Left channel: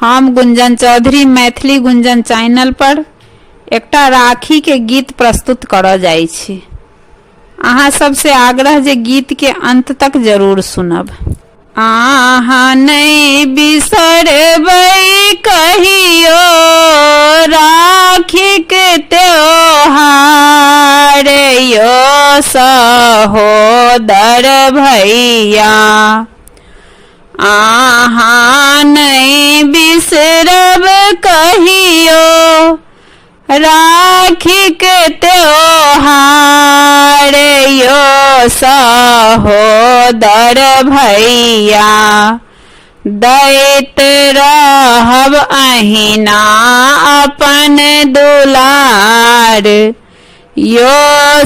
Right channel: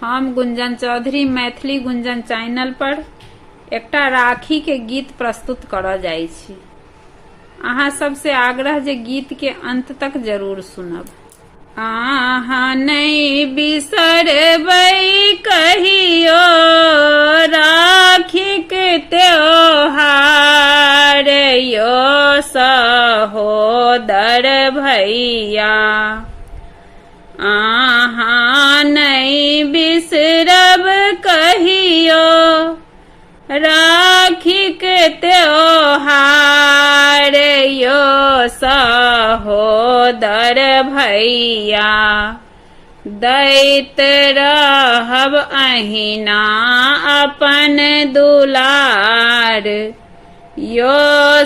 हम गुंजन चौधरी मैथिली गुंजन चैनल पर एकटा राखी के गीत प्रस्तुत करऽ जाइ छी। अहाँ सबसे आग्रह जे गीत के अंत तक जरूर सुनब। अहाँ नहीं बिसरबै कहियो राखी के त्योहार यो सहोदर भैया। अहाँ नहीं बिसरब कहियो राखी के त्योहार यो सहोदर भैया। दैत रहब अहिना अपन दुलार यो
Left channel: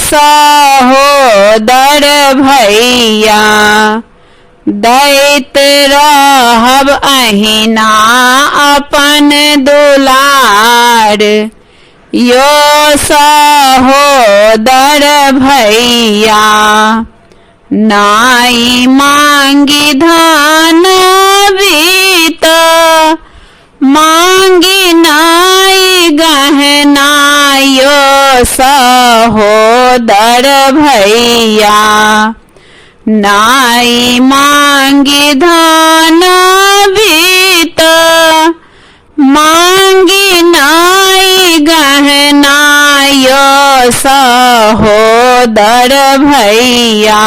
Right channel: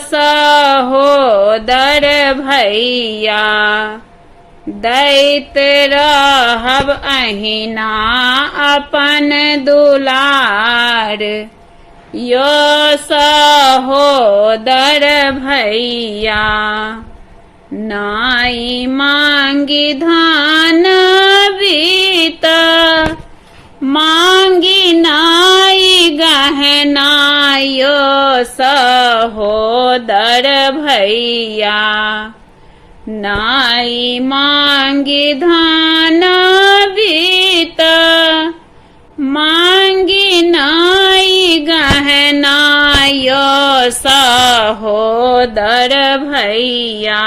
सहोदर भैया। दैत रहब अहिना अपन दुलार यो सहोदर भैया। नाई मांगी धन बीत मांगी नाई गहना यो सहोदर भैया। नाई मांगी धन बीत मांगी नाई गहना यो सहोदर भैया।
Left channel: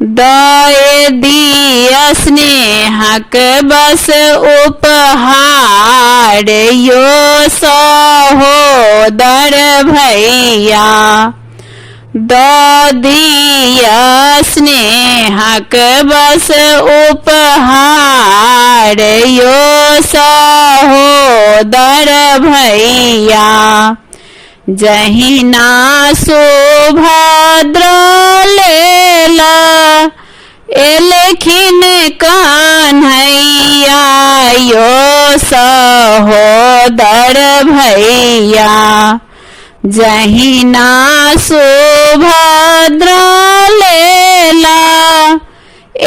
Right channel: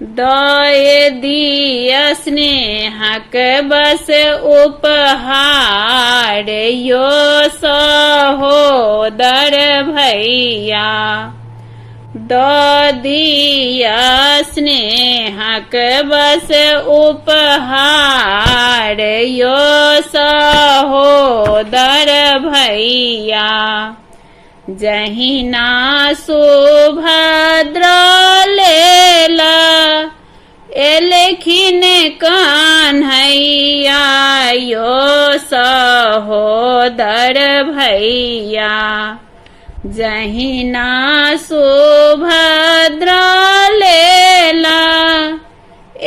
दय दिया स्नेहक बस उपहार यो सहोदर भैया। दिया स्नेहक बस उपहार यो सहोदर भैया। जहिना सुभद्रा लेला एलखिन कान्हैया यो सहोदर भैया। जहिना सुभद्रा लेला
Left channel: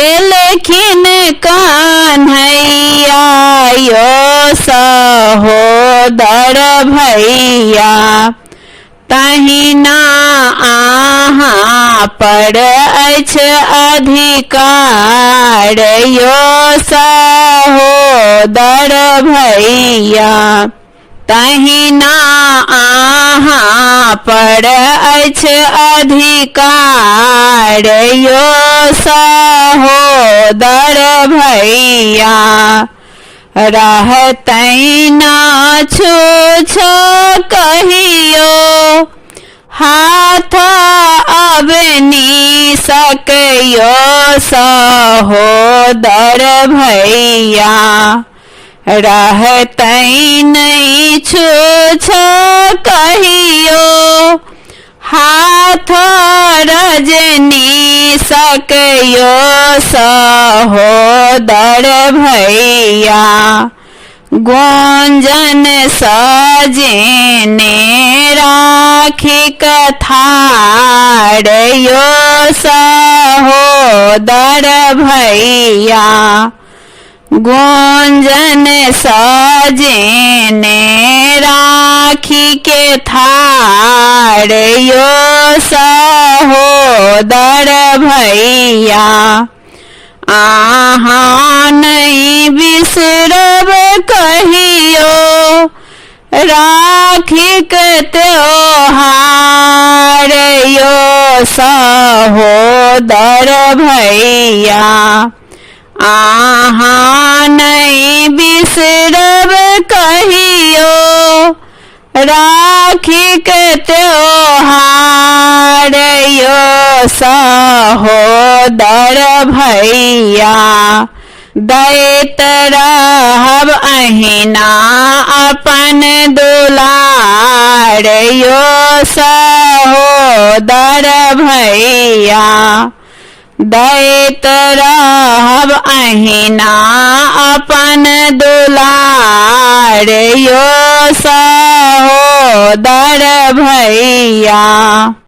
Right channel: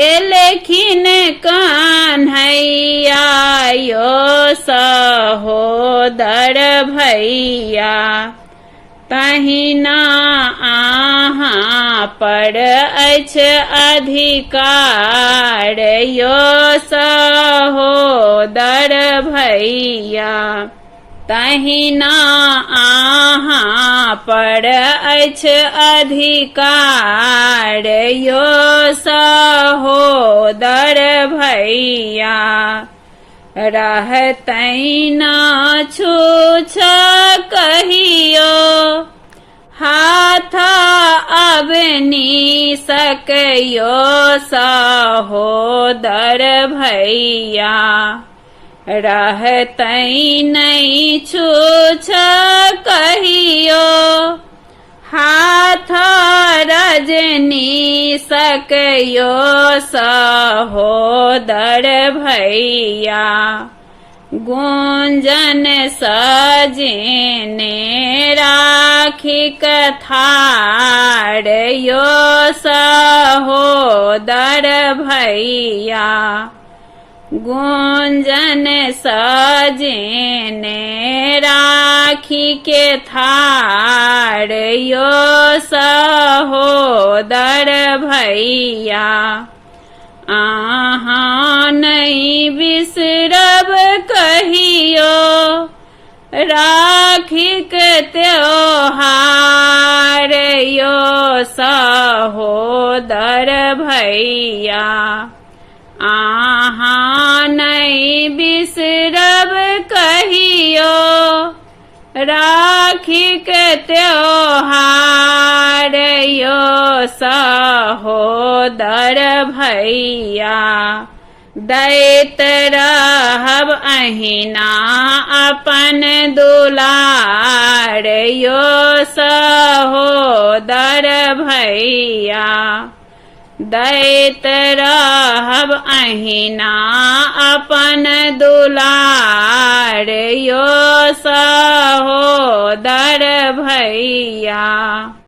एलखिन कान्हैया यो सहोदर भैया। तहिना अहाँ पर अछि अधिकार यो सहोदर भैया। तहिना अहाँ पर अछि अधिकार यो सहोदर भैया। रहतै ना छूछ कहियो हाथ अबनी सकयो सहोदर भैया। रहतै नहीं छूछ कहियो हाथ रजनी सकयो सहोदर भैया। गुंजन सजेने राखी कथार यो सहोदर भैया। गुंजन सजेने राखी के थार यो सहोदर भैया। अहाँ नहीं बिसरब कहियो राखी के त्योहार यो सहोदर भैया। अहाँ नहीं बिसरब कहियो राखी के त्योहार यो सहोदर भैया। दैत रहब अहिना अपन दुलार यो सहोदर भैया। दैत रहब अहिना अपन दुलार यो सहोदर भैया।